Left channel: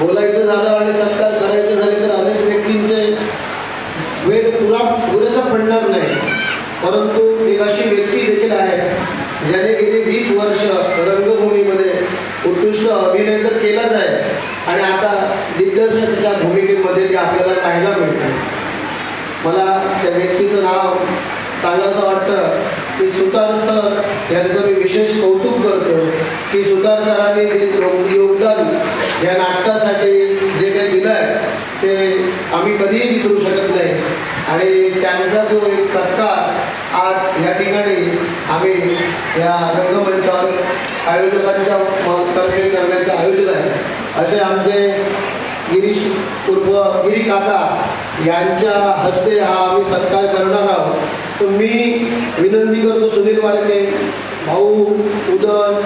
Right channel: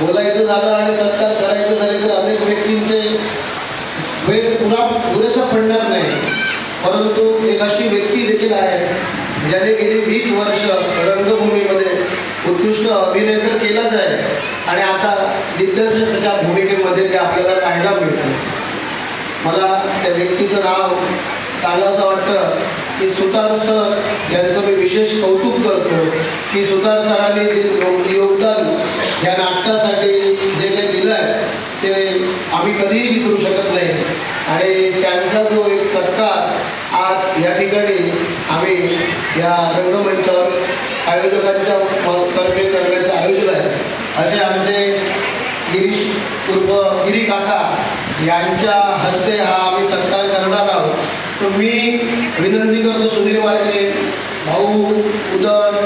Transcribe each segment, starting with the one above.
बोलायचं झालं आणि सत्कार करायचं झाले तर अनेक व्यक्तींचे वेळ पुरा पुरेसा पडणार नाही. परंतु एक अशी व्यक्ती देखील आहे ज्याने गेली वीस वर्ष रंगभूमीमध्ये उत्कृष्ट अभिनय तर केलाच आहे. आणि आता दिग्दर्शकाच्या भूमिकेमध्ये ते आपल्याला पाहायला मिळते. मला त्या व्यक्तीचं नाव सांगायचं वाटतं की सुतार सर यांचं मी विशेष कौतुक करतो की सुतार सरांनी जे योगदान या नाटकासाठी जे काही दिलं आहे ते आम्ही कधीही विसरू शकत नाही. आणि त्यांचा जो एक सत्कार आज या ठिकाणी आम्ही या रंगमंचावर आयोजकांच्या तर्फे करण्याचं आयोजन आहे. असे आमचे गिरीश पूर्व गिरी काका यांच्या हस्ते हा आम्ही सत्कार करणार आहोत. तुम्ही मी विनंती करतो सुनील वाळके भाऊ उदय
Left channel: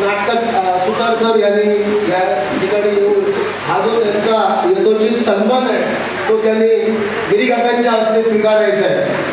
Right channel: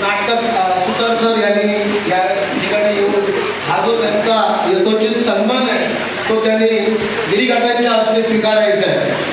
नाटक सुतार सर यांनी या ठिकाणी त्यांचा यथोचित सन्मान आहे तो त्यांनी गिरीघाटांच्या हस्ते स्वीकारायचा आहे.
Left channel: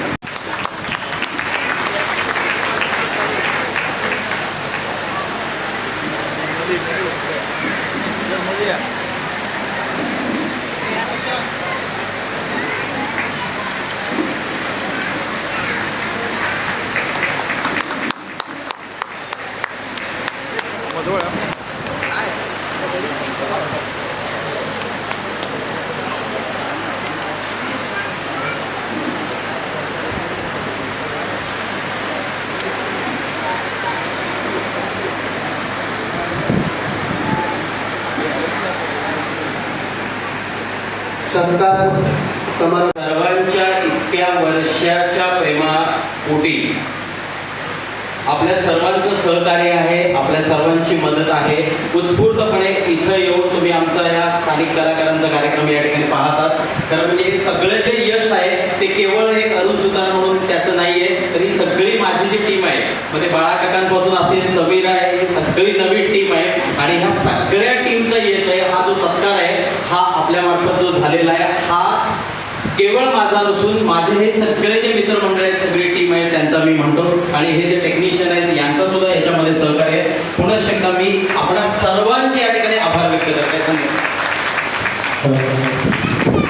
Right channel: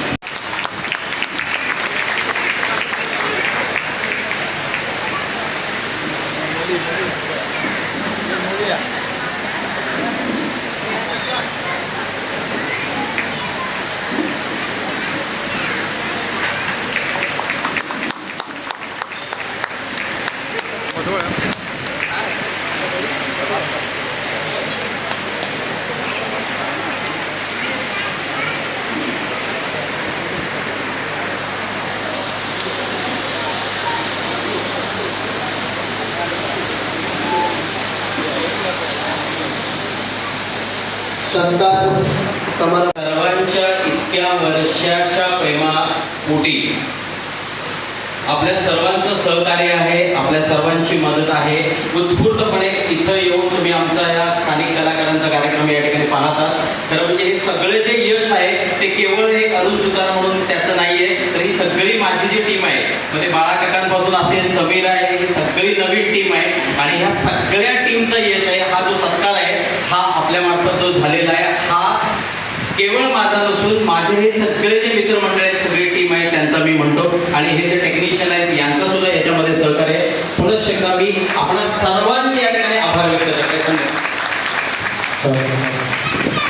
सत्कार समर सर्वांच्या इतक्या वर्षाच्या प्रेमापोटी आपल्या सर्वांचं सहकार्य आहे आपल्या सर्वांची मदत आहे. उत्स्फूर्तपणे इथं येऊन तुम्ही आमचा या स्थानिक कलाकारांचा कार्यक्रम या ठिकाणी पाहतात खरं म्हणजे हे सगळे जे यश आहे ते केवळ एक अरुण सुतार म्हणून त्याचं नाहीये तर ही सगळी माझी जी टीम आहे मग ते बाळा काकांपासून असेल समीर आहे ही सगळी नवीन टीम आहे. आणि ह्या सगळ्या बसून माझे हे सगळे जे मित्र मंडळ आहेत सगळी टीम आहे त्यांचा मी म्हणतो. आणि हे जे टेक्निशियन आहेत यांचा सुद्धा याच्यामध्ये सहकार्य आहे. पुन्हा शकता मी आपण सर्वांचे या ठिकाणी आभार व्यक्त करतो. धन्यवाद.